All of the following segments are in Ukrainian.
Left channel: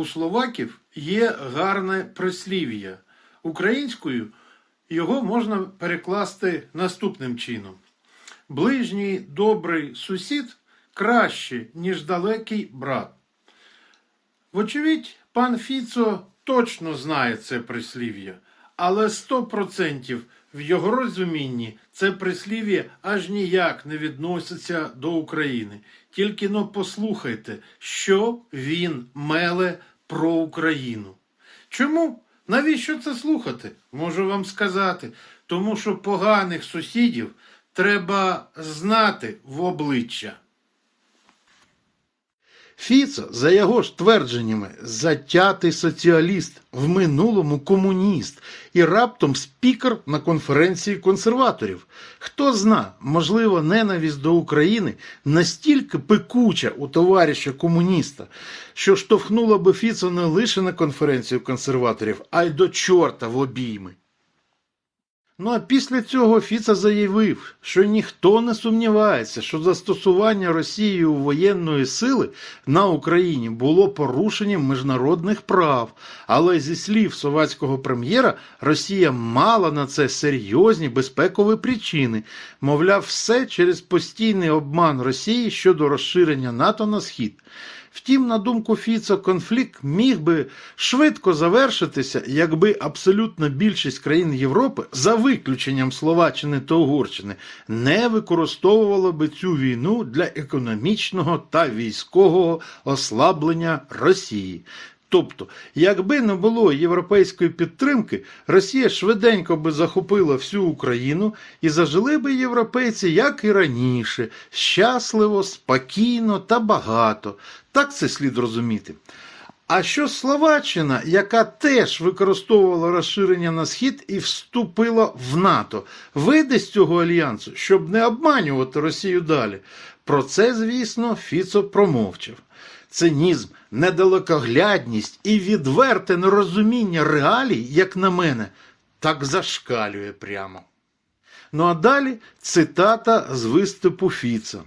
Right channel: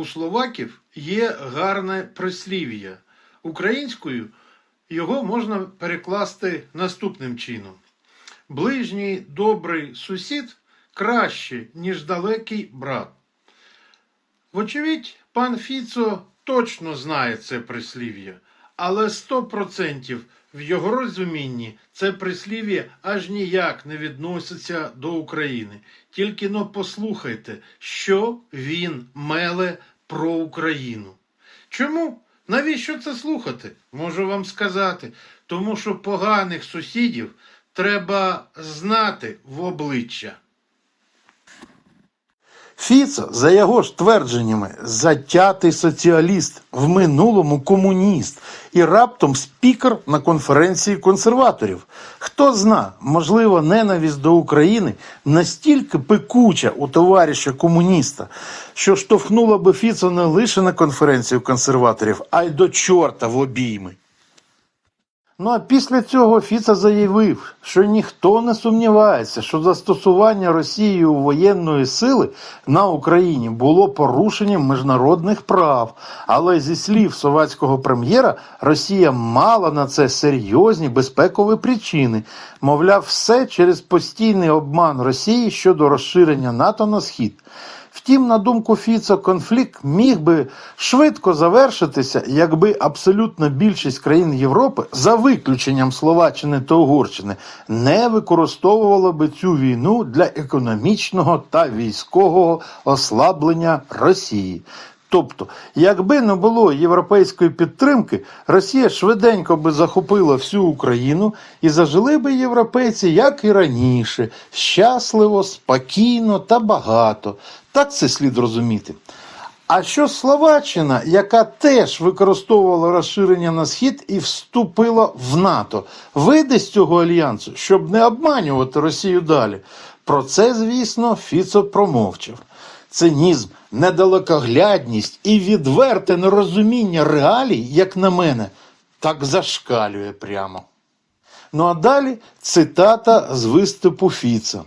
У словаків є гарне прислів'я. Українською його можна перекласти наступним чином: ближній добрий сусід краще, ніж далекий брат. Вочевидь, пан Фіцо точно знає це прислів'я, але 100% в його розумінні це прислів'я аж ніяк не відноситься до України. Тільки но послухайте, що він меле про Україну. Чому? Навіщо це слухати? Можу вам сказати. Тому що поганих сусідів треба знати в обличчя. Фіцо, за його ж твердженнями, затятий соціаліст, в минулому комуніст і раптом спікер на конференції консерваторів. Хто зна, можливо, ненависть до України настільки пекуча у товариша комуніста, що штовхнула би Фіцо не лише на конференцію консерваторів, а й до чорта в обійми. Ну а після цього Фіца заявив, що ніхто не сумнівається, що застосування Росією воєнної сили на Україні було порушенням міжнародних прав. Але зі слів совєтського прем'єра, Росія мала на це серйозні безпекові причини. Мовляв, все через постійний обман Росії щодо розширення НАТО на схід. Втім, на думку Фіцо, конфлікт міг би швидко завершитися, якби абсолютна більшість країн Європи, за виключенням Словаччини та Угорщини, не використовувала би цю війну для економічного та військового ослаблення Росії. Тобто, якби не було європейської підтримки, Росія швиденько би захопила всю Україну і зажили би європейці, як і раніше, щасливо, спокійно та багато. Так це слід розуміти. А що Словаччина, яка теж використовувала розширення на схід і вступила в НАТО, вийде з цього альянсу, щоб не обманювати Росію далі. Про це, звісно, Фіцо промовчав. Цинізм, недалекоглядність і відверте нерозуміння реалій, як на мене, так зашкалює прямо. Ну а далі цитата з виступу Фіца.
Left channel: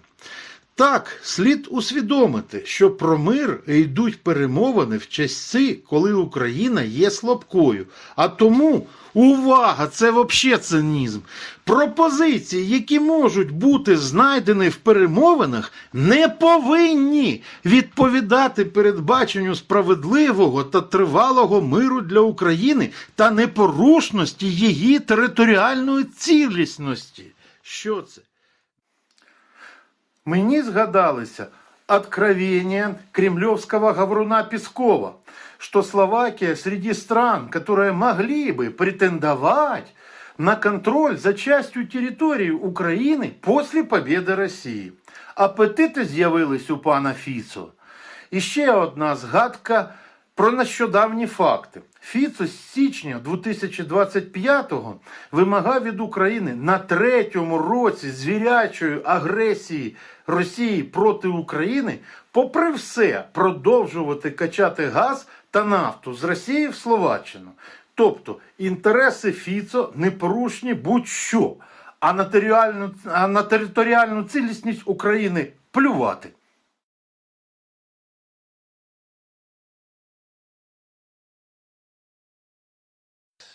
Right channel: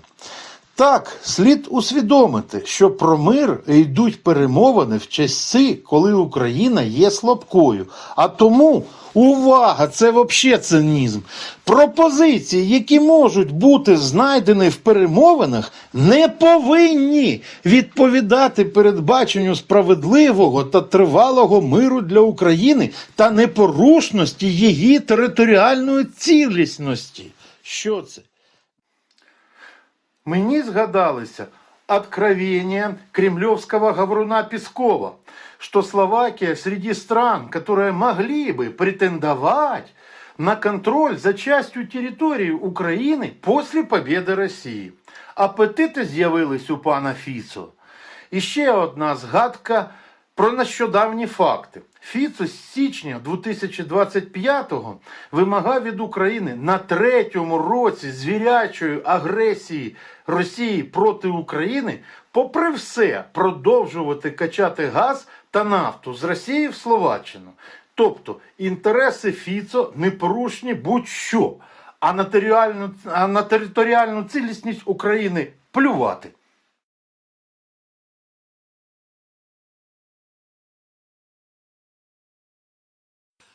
Так, слід усвідомити, що про мир йдуть перемовини в часи, коли Україна є слабкою. А тому увага, це взагалі цинізм. Пропозиції, які можуть бути знайдені в перемовинах, не повинні відповідати передбаченню справедливого та тривалого миру для України та непорушності її територіальної цілісності. Що це? Мені згадалися откровения кремлевского говоруна Пескова, что Словакия среди стран, которые могли бы претендовать на контроль за частью территории України после победы Росії. Апетити з'явились у пана Фіцо. І ще одна згадка про нещодавні факти. Фіцо з січня 2025-го вимагав від України на третьому році звірячої агресії Росії проти України, попри все, продовжувати качати газ та нафту з Росії в Словаччину. Тобто інтереси Фіцо непорушні будь-що, а на територіальну, а на територіальну цілісність України плювати.